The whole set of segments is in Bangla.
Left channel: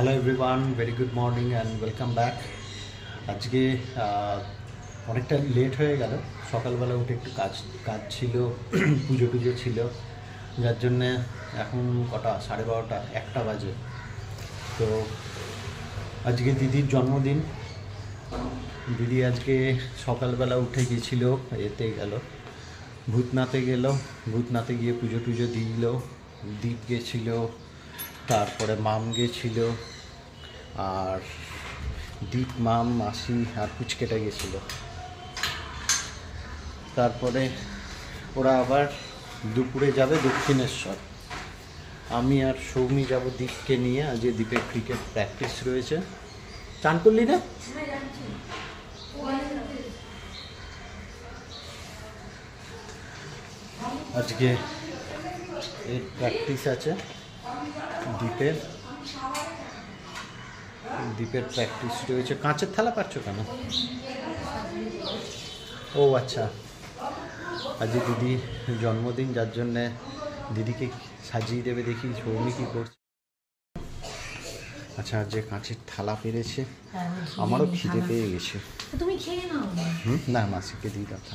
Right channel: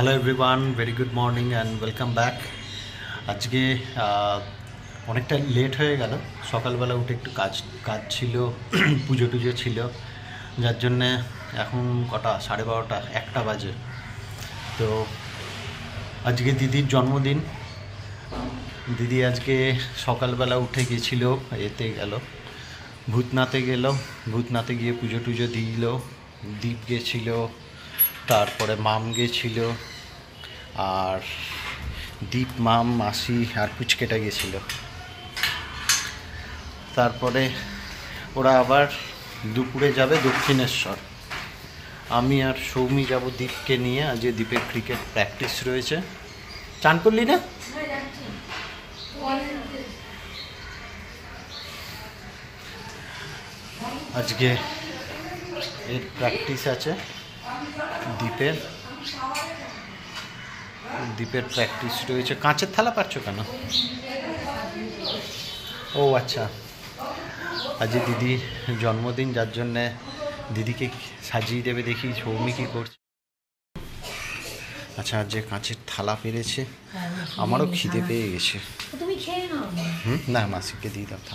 Hello everyone, very good morning and welcome back. আজকে অনেকটা লেট হয়ে গেল। সকালবেলা উঠে একটু কাজ কাজ ছিল, পুজো টুজো ছিল, যার জন্যে এখন কটা 12:30 1টা বাজে। তো আজকে দিদির জন্মদিন। দিদি আজকে সকালবেলা উঠে গেছিল, এতে গেল ভূতনাথে গেল, ভূতনাথে গিয়ে পুজো টুজো দিল, দীপ গেছিল, তারপরে মাম গেছিল, আর দীপ, মাম, মাসি আর পুচকেটা গেছিল। তারপরে ওরা আবার দুপুরে যাবে দক্ষিণেশ্বর। আমি আর সৌমি যাব দীপকে নিয়ে। আজ দীপের ক্রিকেট প্র্যাকটিস রয়েছে। চান করলি না? আজকে এর প্র্যাকটিস আছে, দীপের প্র্যাকটিস রয়েছে। কাঁচের থালা পাচ্ছ কেন? ও আচ্ছা, আজ দিদির জন্মদিন, যার জন্যে দিদিকে সাজিয়ে দেবে। দেখি সৌমি কী করছে। আচ্ছা, আজ যে কাঁচের থালা পেরেছে, আমারও খিদে পেয়ে গেছে। না, মাসিকে দিই দাদা।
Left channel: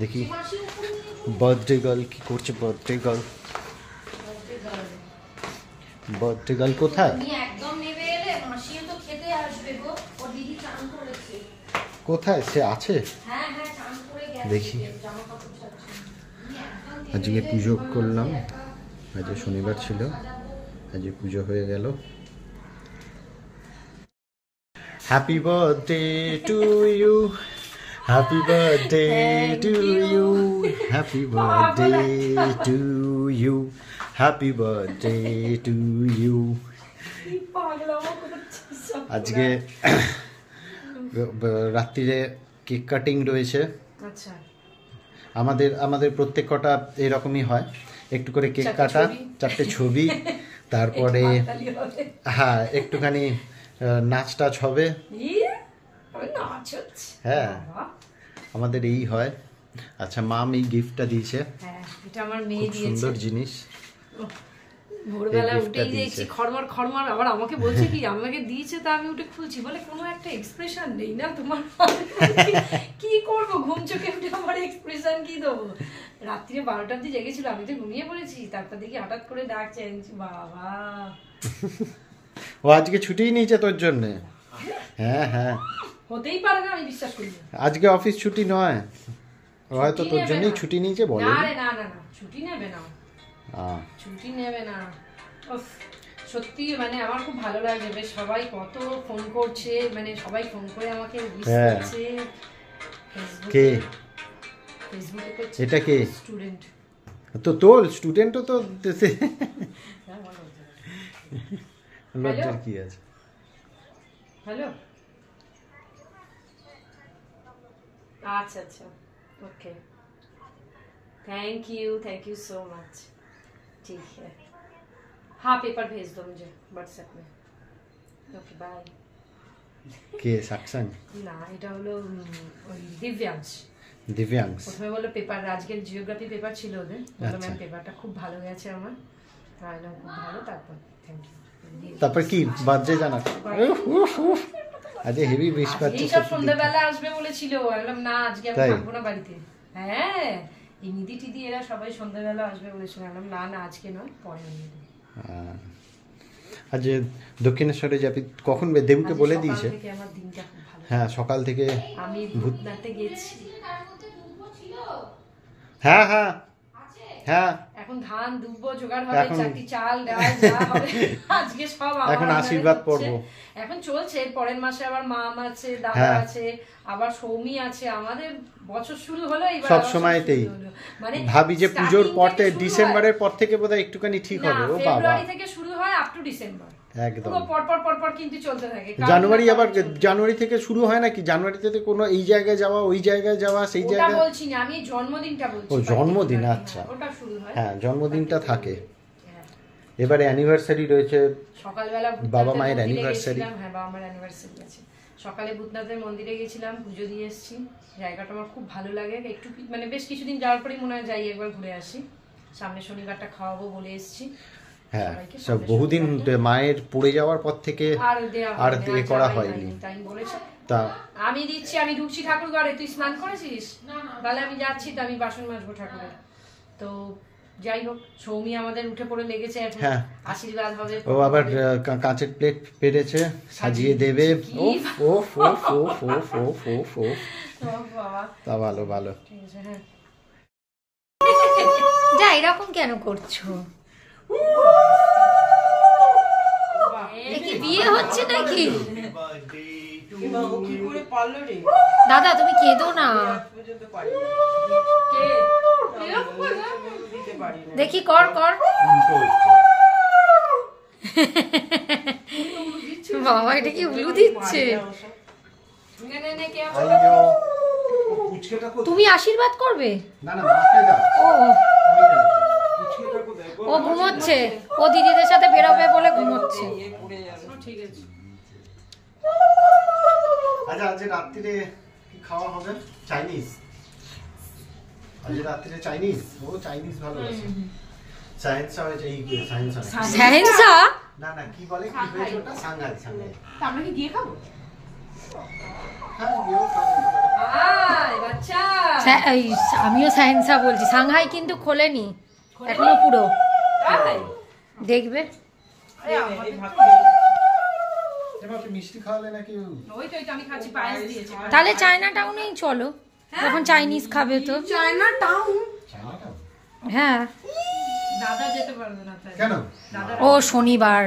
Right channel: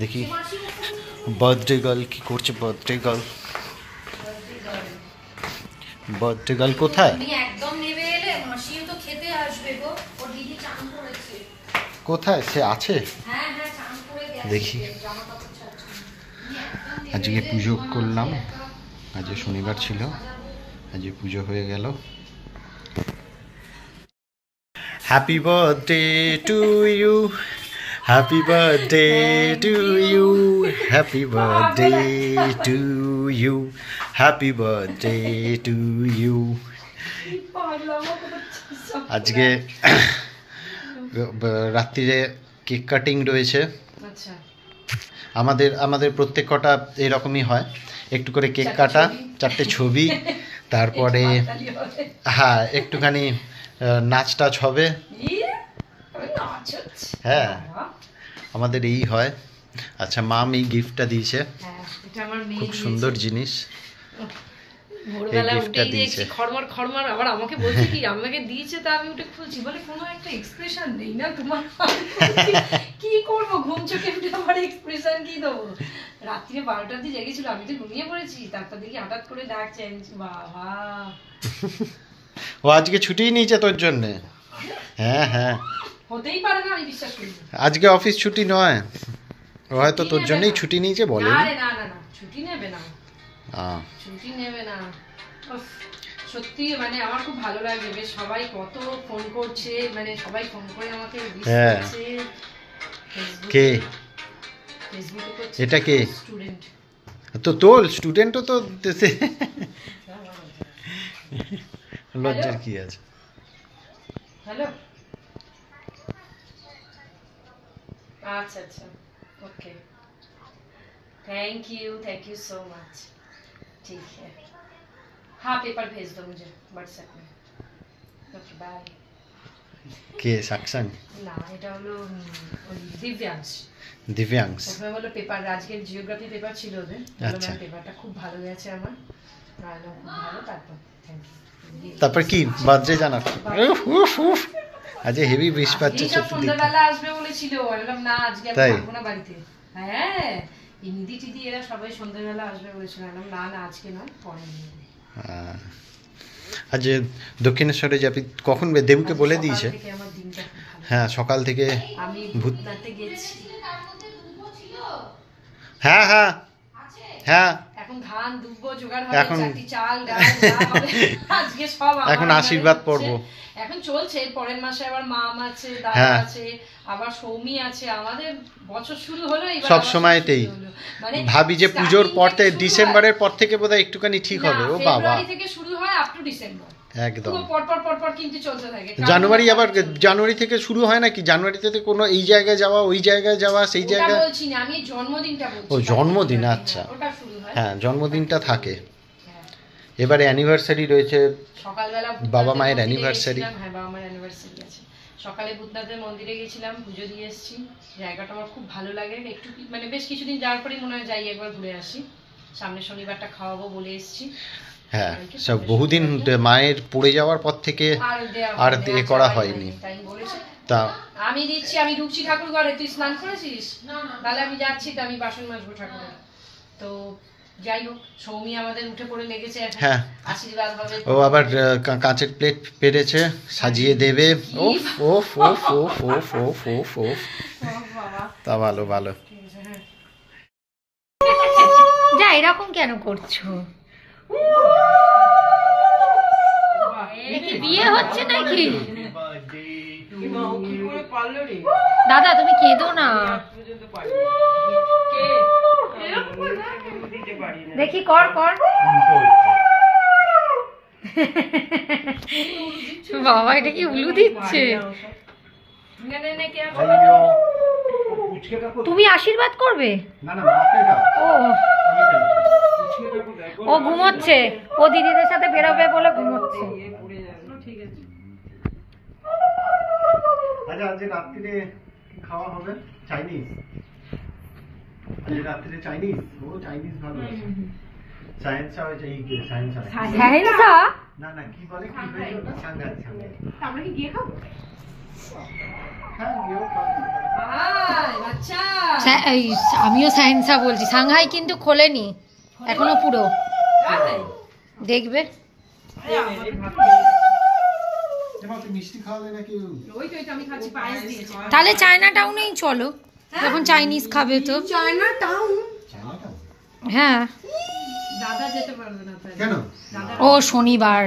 দেখি বার্থডে গার্ল কি করছে। বার্থডে গার্ল কোথায়? কোথায় সে আছে? দেখি। আজকে পুজো করলাম, আজ শনিবার ছিল, আজ পুজো হয়ে গেল। Happy birthday to you, happy birthday to you, happy birthday to you, happy birthday to you. আজকে রাত্রিরে কেক কাটিং রয়েছে। আমাদের প্রত্যেক কটা এরকমই হয়, একটু করে কেক কাটা, 4টে ছবি, তারপরে হ্যাঁ একটুখানি নাচ টাচ হবে। হ্যাঁ, আমাদের এই হয়। আচ্ছা, মাম এই গিফটটা দিয়েছে, খুব সুন্দর জিনিস। ভোরবেলা উঠেই দেখছি খড়মার আবার আমাকে বলছে কি আমাকে দিয়েছে, তা আমি উঠে খুলছি, বলে কোনো একটা এক্সপ্রেশন নেই না তোমার। কি করবো, ঘুম চোখে উঠে আমার এক্সপ্রেশন কি দেবো? রাত্রিরে 12টার দিকে জেগেছিল, আমি তো ঘুমিয়ে পড়েছি। তারপর দেখি হঠাৎ করে ডাকছে, বাবা ও আজকে ছুটিই নিয়েছে তোর জন্য। হ্যাঁ হ্যাঁ, হতেই পারে না, আমি বিশ্বাস করি। আজকে অফিস ছুটি নয়, ও হয়তো তোর জন্যই ছুটি নিয়েছে। বলে না না না, ছুটি নেবে না, ছুটি নেবে না। সত্যি মানে আমার খুব ভালো লাগে, বেশ সবাই কত ফোন করছে, মানে সবাই ফোন করে আমাকে উইশ করছে। কে এটা? কে? স্টুডেন্ট তো তোর স্টুডেন্টও তো লজ্জার কি আছে? হ্যালো, আচ্ছা আচ্ছা, okay, thank you so much. ठीक है, हाँ पेपर भेज दो मुझे व्हाट्सएप में। Okay bye. কে সাকসান? না, এটা হলো দিব্যাংশ। প্রথমে বললো পেপার, আজকের জিওগ্রাফি পেপার ছিল ওদের। আচ্ছা, পেপারটা খুব ভালো গেছে আমার, খুব ভালো। তারপর থ্যাংক ইউ। তারপর কি বার্থডে জানাচ্ছ? আজ হেভি বৃষ্টি পাচ্ছে। সন্ধ্যাবেলা আসবে বলেছিল, বললাম না আজকে আমি থাকবো না বাড়িতে। হ্যাঁ, এই নিধি টিদি এরা সবাই সন্ধ্যাবেলা আসবে বলেছিল, বললাম না না আজকে নয়, পরে নিয়ে। আজ দক্ষিণেশ্বরে যাবি কখন? দেবুকে বলে দিয়েছে। হ্যাঁ, সকাল থেকে আমি ভূতনাথে গেছি। হ্যাঁ হ্যাঁ হ্যাঁ, এখন ধান দুব্বো জোগাড় হবে, চাটি চাল ডাল হবে, আজকে সব এখন আশীর্বাদ পর্ব এখন চলছে। পরের মাসে আবার মাম আছে, দাদা আছে, আবার সৌমি আছে। আমাদের বছর শুরু হলো এইবার সব সময়তেই মানে ভাবি যে পুজোর পর থেকে, ডিসেম্বরের পর থেকে বোধহয় একটুখানি ঠিক হবে। ও বাবা, ফেব্রুয়ারি থেকে শুরু হয় আপ টু ডিসেম্বর, একদম পর কিন্তু চলতে থাকে। জানুয়ারি, আবার জানুয়ারি থেকে শুরু হয় নাকি? জানুয়ারিতে কোনো এই জায়গায় যাওয়া, ওই জায়গায় যাওয়া, সেই জায়গায় বলছি না, আমি জন্মদিনটা বলছি। ও জন্মদিন, আচ্ছা ওটা শুরু হয়। হ্যাঁ, জন্মদিনটা থাকে। এবারে অ্যানিভার্সারি রয়েছে, সকালবেলা বাবা মায়ের অ্যানিভার্সারি। হ্যাঁ, বাবা মায়ের অ্যানিভার্সারি আছে। সকালে ভূতনাথের মন্দিরে গেছিলাম, পুজো দিয়ে এসেছি। জায়গাটা আমার খুব ভালো লাগে। একটু মানে বেশ কিছুদিন যাওয়ার পরেই মনে হয় যাই একবার ঘুরে আসি। সামনে শনিবারটা খাওয়াবো বলে এসেছি। হ্যাঁ, সব বহুদিন মায়ের পড়ে যাওয়ার পর থেকে আর এ করা হয়নি। তা আমি দিচ্ছি, আমি ঢুকছি ঠাকুর ঘরে, তুই স্নান করেছিস? তাহলে আমি যাচ্ছি, তো আমি বাসন মাজবো ঠাকুরের। তো যাই হোক, সৌমি আমাদের উঠে পড়ে লেগেছে এখন। হ্যাঁ, আশীর্বাদ হবে। ও আবার কাঁচের প্লেট পেরেছে, সাজিয়ে দেবে। ওফ ওফ ওফ ওফ ওফ ওফ ওফ ওফ, তা ভালো ভালো। যা এরকম কেন করছো? বিয়ে হচ্ছে নাকি? দাদা তুমি কেঁদো না, দেখি কর কর। বাবা এটা কি উলু দিচ্ছে? তুমি আশীর্বাদ করবে? ও ও ঘুমোচ্ছে, ও দিদিদের সাথে বেরোবে বলে ঘুমোচ্ছে। আচ্ছা, আজ রাত্রিরে কি খাওয়া হবে? চাইনিজ। আজ রাত্রিরে চাইনিজ। ও চাইনিজ ভালো আছে। সায়েন্সা হয়েছে, এই সায়েন্সা। সায়েন্সা? না না, কি বলে, কি হয়েছে ওটা? Shanghai, Shanghai. আমরা কি গিয়ে খাবো? হ্যাঁ, গিয়েও খাবো। আয় বাচ্চা। আমিও সায়েন্সা বলছি। সাংহাই কিন্তু খোলেনি এখনো পুরো, দেখবে। মিষ্টি খাওয়ালে নাকি? তাহলে চায়না টাউনেই চলো, যখন চাইনিজ খাবে তো। China town? হ্যাঁ। দাদা যেতে পারবে না কেন? ও শনিবার।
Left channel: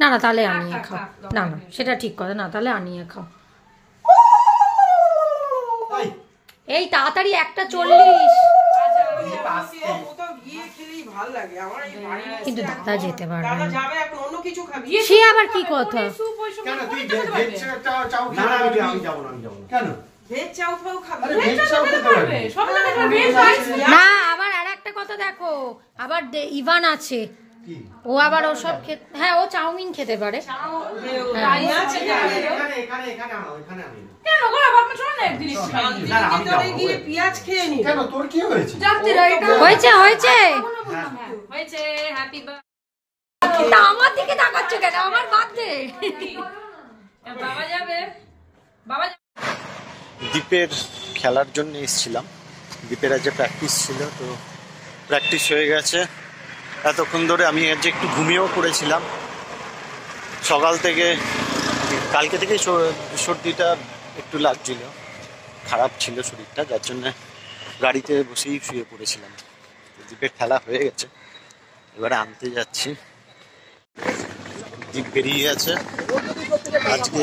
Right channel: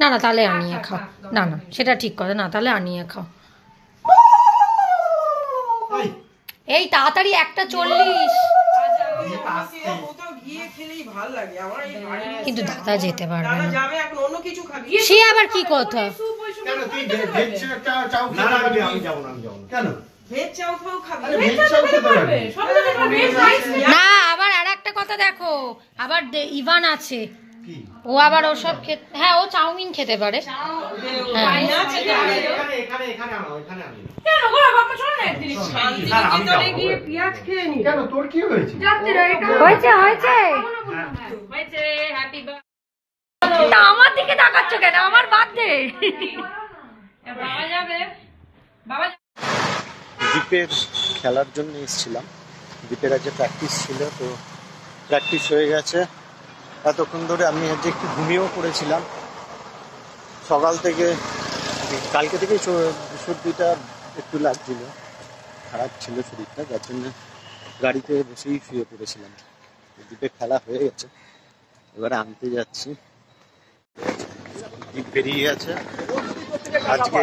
না না, তাহলে আনিয়ে খাও। না না, সেটা ঠিক কথা না, তাহলে আনিয়ে খাও। এই তাড়াতাড়ি 1:40। কিন্তু দাদা যেতে পারবে না। সে আবার কি কথা? না, আবার আর একটা কথা দেখো, আবার ইভান আছে, ও আবার ওসব খেতে, হ্যাঁ ও চাউমিন খেতে পারে। হয়েছে হয়েছে। আমার দিকে তাকাচ্ছ কেন? আমার বার্থডে। দীপের খেলার জন্য এসেছিলাম। দীপের আজ প্র্যাকটিস ছিল, তো প্র্যাকটিস হয়ে গেছে এতক্ষণ ধরে। আমি আজ একটু ঘুমিয়েও পড়েছিলাম সকাল থেকে। কালকে থেকেই সর্দিটা একটু লাগছিল, খারাপ ছিল শরীরটা, যার জন্য গাড়িতে বসেই শুয়ে পড়েছিলাম। দীপের খেলা হয়ে গেছে, এবারে আনতে যাচ্ছি। দীপ বেরিয়ে গেছে। আজকে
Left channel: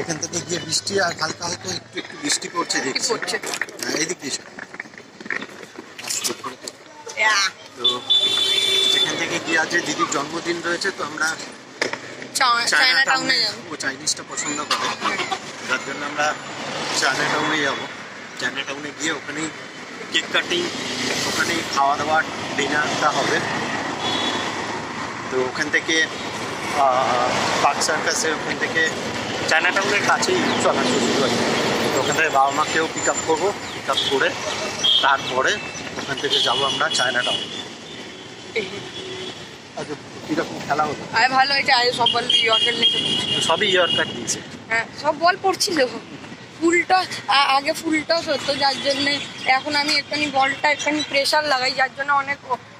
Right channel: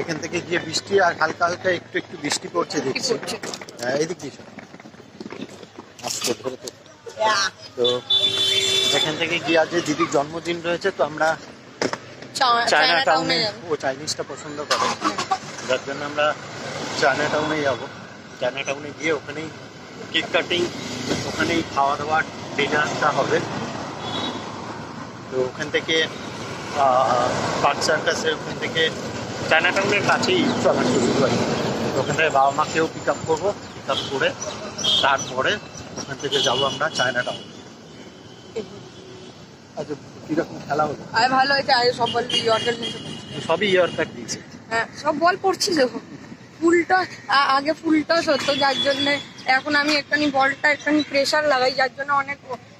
এখান থেকে গিয়ে বৃষ্টি, আর হালকা হালকা একটু একটু বৃষ্টি পড়ছে দেখছি। হ্যাঁ, এদিক দিয়ে আজকে ধরে তো এখান থেকে গিয়ে আজ দিদির জন্মদিন রয়েছে, তো আমরা চায়না টাউনে, ও চাইনিজটা পছন্দ করে, যার জন্য আমরা চায়না টাউনে যাবো। চায়না টাউনে গিয়ে ওখানেই কেক কাটিং, ওখানেই খাওয়া দাওয়া, ডিনারটা হবে। তো ওখান থেকে পার্ক সার্কাসের ওখান থেকে চায়না টাউনের কাছেই চলার সুযোগ হয়। তো ওখান থেকে বাবা মাকেও পিক আপ করবো, পিক আপ করে তারপরে ওখান থেকে যাবো আমরা চায়না টাউন। আচ্ছা, কিরকম খেলা হলো? ভালো হয়েছে। সব বল ইয়র্কার নিতে, সবই ইয়র্কার দিয়েছে। হ্যাঁ সব বল পড়ছিল। ফুলটা আগে ফুলটা সত্য, যার জন্য এখন আমি একটুখানি বলটা একটুখানি প্রেশার লাগাই, যার জন্য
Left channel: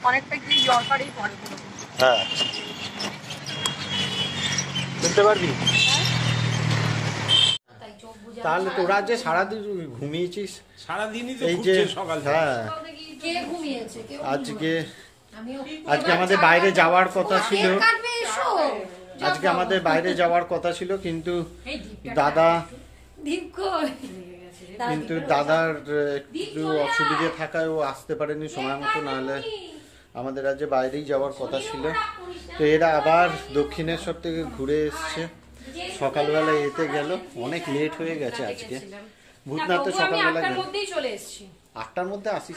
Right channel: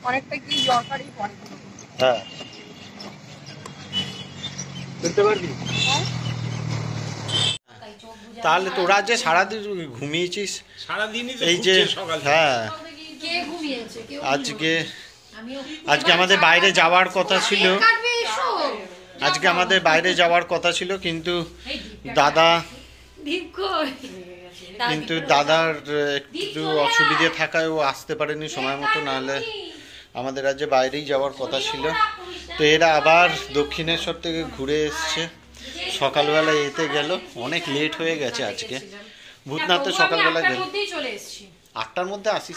অনেকটা কি ইয়র্কারই পড়ে। হ্যাঁ, বুঝতে পারবি। তাহলে তোরা যে সারাদিন ঘুমিয়েছিস, এই যে হ্যাঁ, আজকে আমাদের বাইরে যাওয়ার কথা ছিল, কিন্তু দাদার একটু অসুবিধে থাকায় ও আসতে পারেনি সময় মতো, নাহলে আমাদের আজ বাইরেই যাওয়ার কথা ছিল। তো এরা আবার দক্ষিণেশ্বর থেকে ঘুরে এসছে, সকালবেলা এতে গেল, অনেক লেট হয়ে গেছে আজকে। ভূতনাথে সকালবেলা গেল, 8টার মধ্যে আসিস।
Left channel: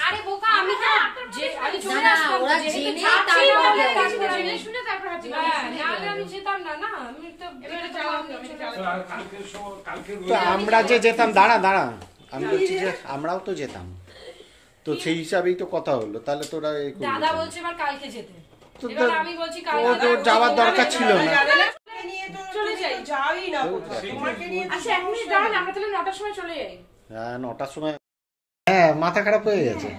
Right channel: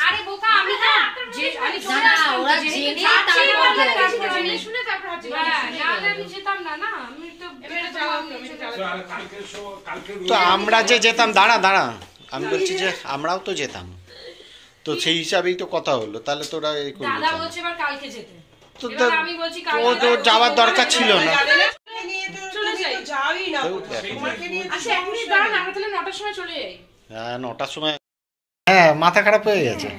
তো আমরা যে যেতাম, দাঁড়া আমি বলছি যে আমরাও তো যেতাম, তো সেই হিসাবেই তো কথা হলো। তাহলে তোরা এই করবি, তো এবার আমি বলছি ও তো যাওয়ার দরকার ছিল না। চলে যাই। যাই না তো কোথাও। এখন- তোমাকে নিয়ে তো আচ্ছা এক মিনিট দাঁড়ান, আমরা তাহলে 9টার সময় চলে যাই। হ্যাঁ 9টার সময়। হ্যাঁ মাথা খারাপ হয়ে গেছে।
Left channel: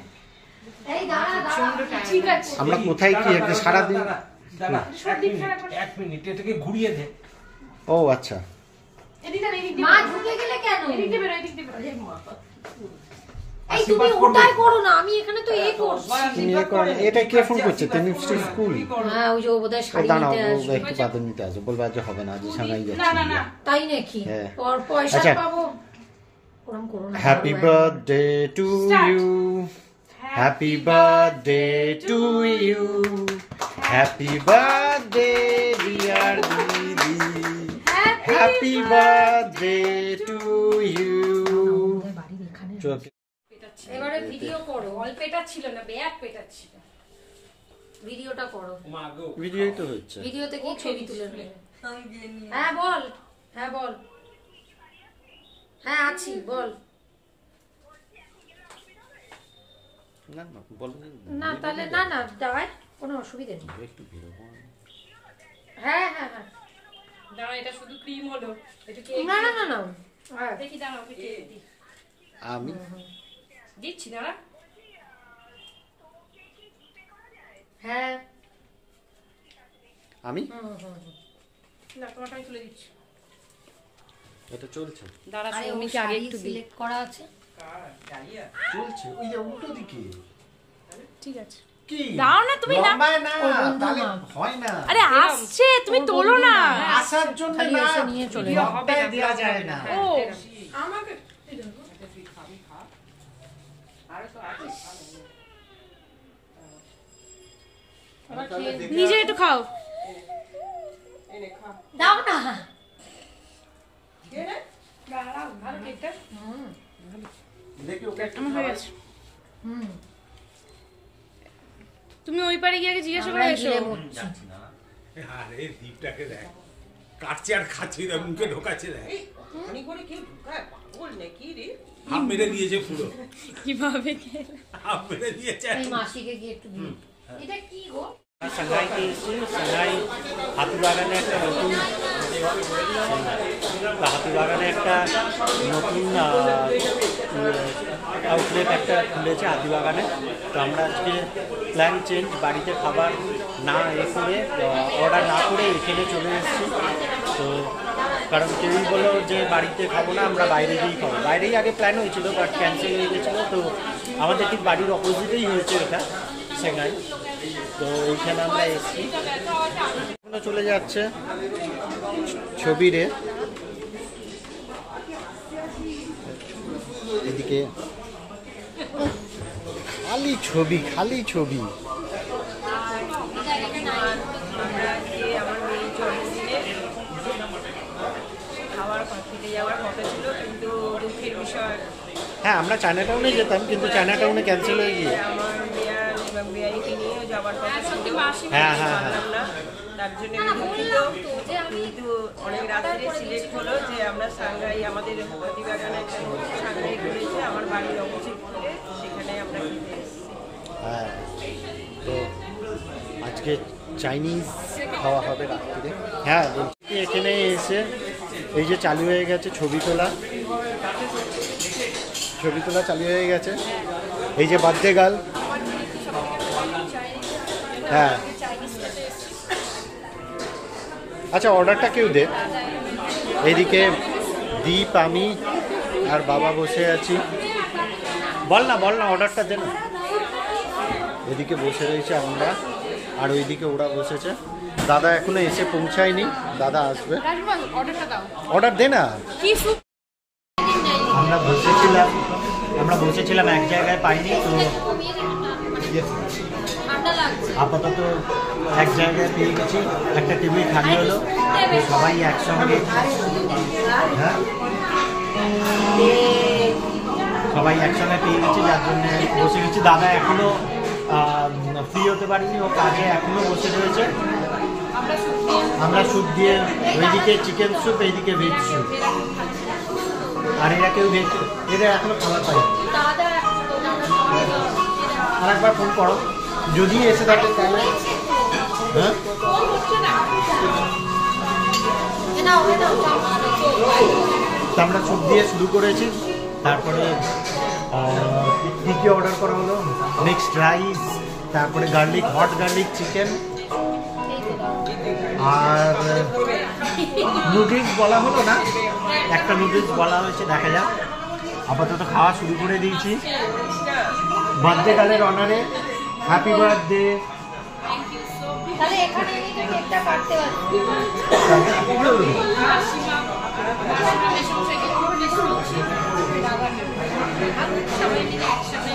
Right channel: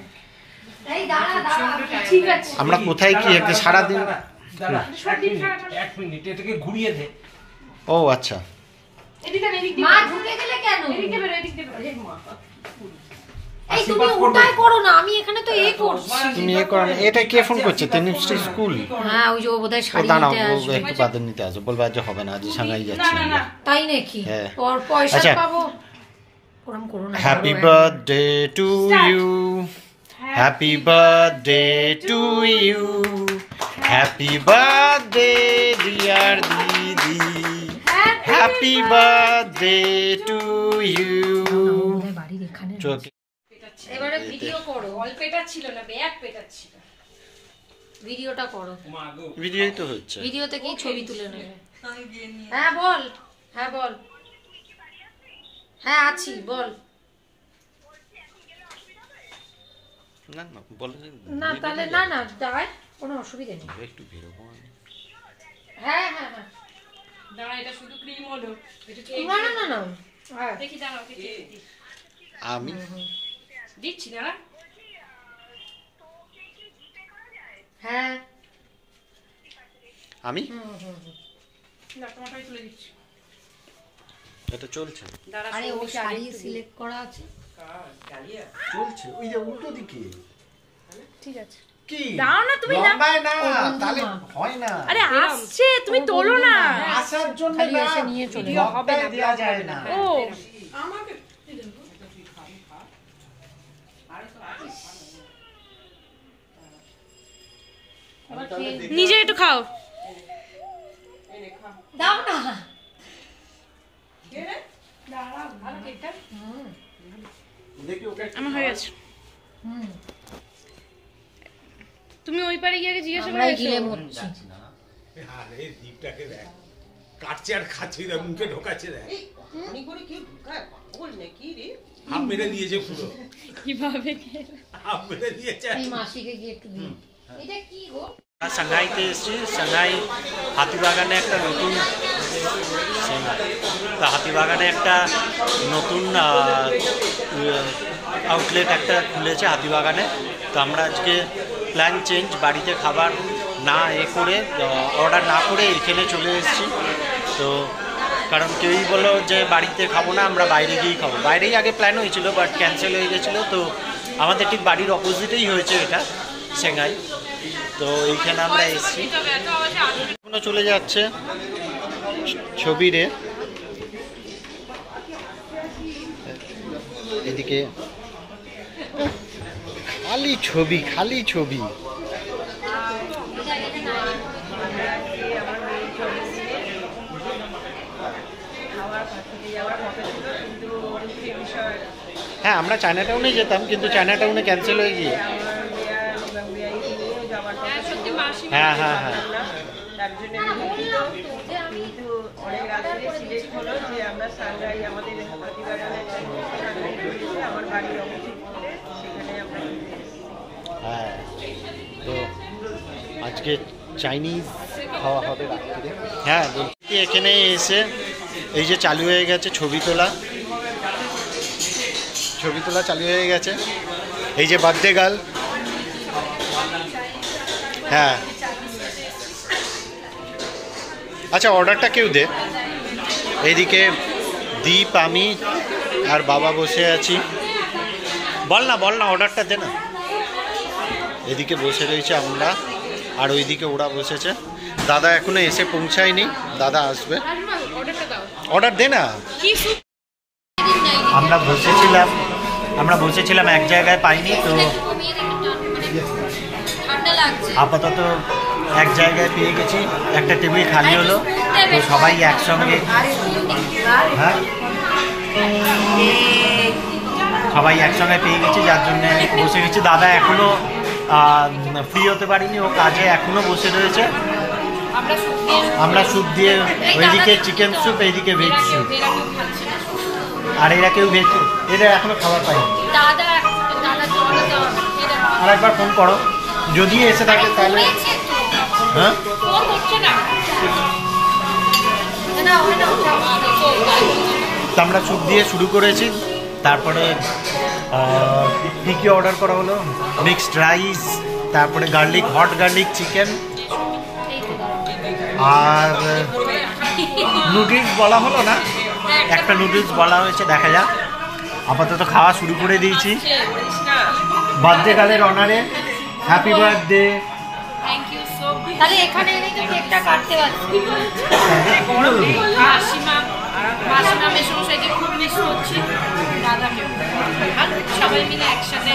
এই দাঁড়া দাঁড়া ঠিক আছে। আমরা কোথায় কি একটা সারাদিন। দাঁড়া, এক মিনিট এটাকে ঘুরিয়ে দে। ও আচ্ছা এদিকে আন, এদিক দিয়ে মা বেরো। ঢুকে গেলে কেন? এদিক দিয়ে বেরো, এদিক দিয়ে বেরো। এই মা। এই তুমি ওটাই করো না, আমি এখানে তো এই করছি। তুমি এ করো না। এটা কে ফোন করছে? তেনিশ্রী স্কুল। হ্যাঁ ওই যে ও বোধহয় ও শাড়ি দাঁড়াও, নিতে ও আসবে। একটু বাদর নিতে আসবে, বলবে আজ হবে না, আজ সাঙ্গাই যাচ্ছি না, না, না। তাই নাকি? হ্যাঁ। পয়সা আচ্ছা। পাবো। ওরম করো না। Happy birthday to you, happy birthday to you, happy birthday dear দিদি, হ্যাপি বার্থডে টু ইউ। বাড়ির এখানে। চোখে এবারে ভিডিও করো। অল্প পেটাচ্ছিল না, ব্যাগ পেটাচ্ছিল। ভিডিওটা করো। মা গো। ভিডিওই তো হচ্ছে। ভিডিওতে কি ছবি তুলে নেবে? হ্যাঁ বল, হ্যাঁ বল। হ্যাঁ আছি, বল। না না বলো যে না তাহলে না না দাঁড়ায়, কোনো অসুবিধা নেই। একটু বেরোবো আমি। হ্যাঁ হ্যাঁ হ্যাঁ। দাঁড়া, এটা শুধু ক্রিম হলো। এটা কি না না না না। হ্যাঁ। দেখি দাঁড়াও, দেখি দিই। আমি দিচ্ছি দাঁড়া। হ্যাঁ। আমি না, তোমারটাই তুলে দিচ্ছি। এটা চলছে দাঁড়া, আরে ও সৌমিকে আগে শাড়ি একটু দিই। সিলেক্ট করা আছে। ডালিয়া। চলছে ওই যে উল্টো দিকে ঠিক আছে। কি দাও না তুমি, না। লম্বায় না ও বন্ধু তাহলে না। হয় না। আরে আসছে, তুমি তোলো না। আসার জন্য খালি না, এসে নিয়ে চলে যাও। লম্বায় দেওয়া যায় না। ও আমাকে নিজে একটু খাও। এনে খা। দাও না। কে রে? দাঁড়াও, আর কেকটা দেখি ওকে আমার হয়ে গেছে। হুম। তুমি ওই পারে গিয়ে আগে জিজ্ঞাসা করে আমরা এসো। গিলে মরছি। আরে দীপটাকে দেখ, কাটছে আর খাচ্ছে, মুখে ঢোকাচ্ছে দেখ, এমনি করে কেউ ঢুকায়? পাগল নাকি রে? হাফ মেরে দিয়েছে পুরো, কিভাবে খেলে? হাফ মেরে দিয়েছে। এই মাসিকে গিয়ে একটু দিই। এটা কি গো? সাংহাইতে এসেছি। সাংহাই হাতিবাগানে একটা নতুন তা হাতিবাগানে একটা নতুন আউটলেট একটা খুলেছে হাতিবাগানে। তো আমরা আজকে প্ল্যান চেঞ্জ, বাড়িতে খাবার না করে অর্ডার না করে এখানে চলে এসেছি। তো কারণ কেউই বললো যে বাড়িতে খাবো না, আমরা বাইরে গিয়েই খাবো। বাইরেই আগে প্ল্যান হয়েছিল বাট ক্যান্সেল হয়ে গেছিলো। তো আমাদের ঠিক বাড়ির অপোজিটেই হয়েছে এটা, সাংহাই। তো এইখানে আমরা এসেছি, এখনো চলে যাচ্ছে ছবিরে। এদিকে খালি ছবি, খালি ছবি। হ্যাঁ আমরা চায়না টাউনে যেতাম, কিন্তু চায়না টাউনে ক্যান্সেল হয়ে গিয়ে। হ্যাঁ হ্যাঁ হ্যাঁ তার জন্য আমি দুঃখিত, কিন্তু অনেক রাত্রে সিলেক্ট হলো যে আমরা সাংঘাই, আমাদের হাতিবাগানে একটা সাংঘাই রয়েছে আমার বাড়ির অপোজিট করে, সেখানে আমরা ঘুরতে এসেছি। হ্যাঁ। তো আজকে চাইনিজ খাওয়া হবে রাত্রিরে। হ্যাঁ বলছি এখানে এসে এই যে চালু হয়ে গেছে ছবি তোলা, ছবি তোলা চালু হয়ে গেছে। এই যে বার্থডে গার্ল, হ্যাঁ আচ্ছা অর্ডারটা কেউ দে। এইদিকে দীপ, আমি আর বাবা বসে আছি। বল না অর্ডারটা দে না। এদিকে বসে রয়েছে আমরা, আর ওইদিকে ওরা বসেছে। দাদা এখনো এসে পৌঁছায়নি, দাদা আসবে। অর্ডার দে না। আমরা বসেছিলাম এক জায়গায়, পাইনি। তো ঠান্ডা লাগছে। আপাতত এক জায়গায় পেয়ে গেছি, একটা টেবিল খালি হলো। তো সবাই একসঙ্গে, হ্যাঁ সবাই একসঙ্গে পেয়ে গেছি, যার জন্য বসে গেছি। দাদা এখনো ফ্রি হতে পারিনি, ও কাজে এখনো বসে রয়েছে। আমরা স্যুপ দিয়ে, ওইদিকে চিকেন স্যুপ, এইদিকে ভেজ স্যুপ। আর এরা কেউ ভেজ, এদের এখনো খাবার পাইনি। দাদা দাদা আর একবার ফোন করো, যদি এসে থাকে তাহলে। হ্যাঁ ফোন করছে না তো আমরা স্যুপ দিয়ে শুরু করেছি। তারপরে কী কী অর্ডার করা হলো, মিক্সড রাইস, তারপরে হট গার্লিক চিকেন, আর নুডলস বলা হলো না, একটা নুডলস বলা হয়েছে, দেখা যাক। আপাতত খাওয়া শুরু করে দিয়েছি বার্থডে গার্লের অনারে। Happy birthday. তাহলে এখানে এনে তো কেকটা কাটতে পারছি। মাসিমা মেশমশাইকে খুব মিস করছি, দাদাকেও। সবাই মিলে একসাথে